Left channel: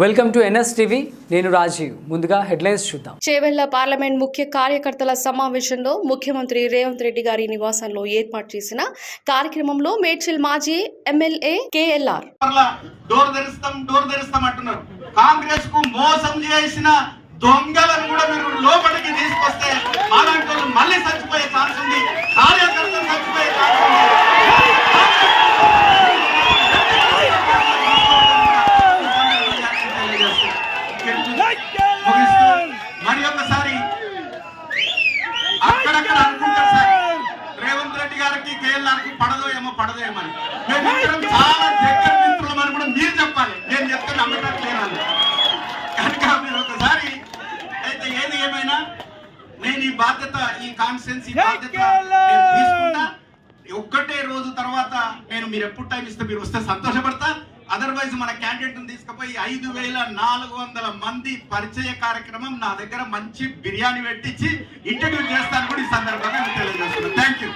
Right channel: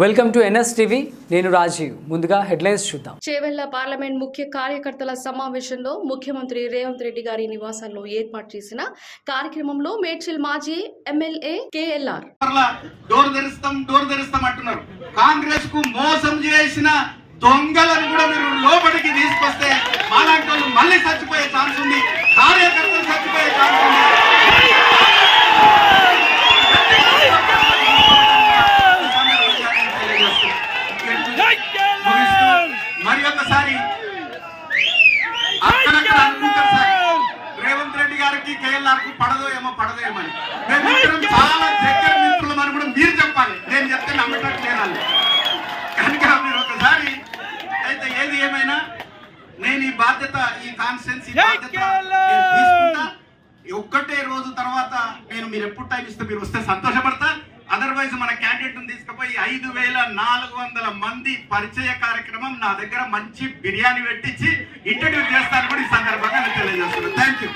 Welcome to NS TV నేను రాజీవ్. ముందుగా headlines చూద్దాం. చేవెళ్ళ పార్లమెంట్ ముఖ్య కార్యకర్తల సమావేశంలో ముఖ్యమంత్రి రేవంత్ రెడ్డి గారి నివాసంలో ఏర్పాటు చేసిన కార్యక్రమంలో మేడ్చల్ మాజీ ఎమ్మెల్యే కేఎల్ఆర్. మరలా డోర్ తెరుస్తాం డోర్ తెరుస్తాం అంటున్నారు. కాంగ్రెస్కు మోసం చేసిన దొంగలను కూడా మీరు లోపలికి తీసుకొస్తే అలాంటి వాళ్ళు మళ్ళీ చచ్చిపోయే ఛాన్స్ మరి ఒకసారి. రేవంత్ రెడ్డి గారికి కేఎల్ఆర్కి పడదో ఏమో పడదో ఏమో కూడా మీరు చెప్పాలి. నేను చెప్తే నమ్మకం కనుక మీరు ఒకసారి అయితే ఏది ఏమైనా నేను ఈ బాధ్యత. ఈ ఒక్కటే రోజు తర్వాత నేను మీరు ఎప్పుడు టైం ఇస్తే మీరు వస్తే సంతోషపడతా. అదర్వైజ్ మన క్యాండిడేట్ తీసుకుపోయి ఐదు వేల నాలుగు వందల మంది పరిచయ కార్యక్రమం నా దగ్గర మంచి బిర్యానీ పెట్టించి ఇంటర్వ్యూ చేస్తాను కూడా ఈ సందర్భంగా నేను తెలియజేస్తున్నాను. Thank you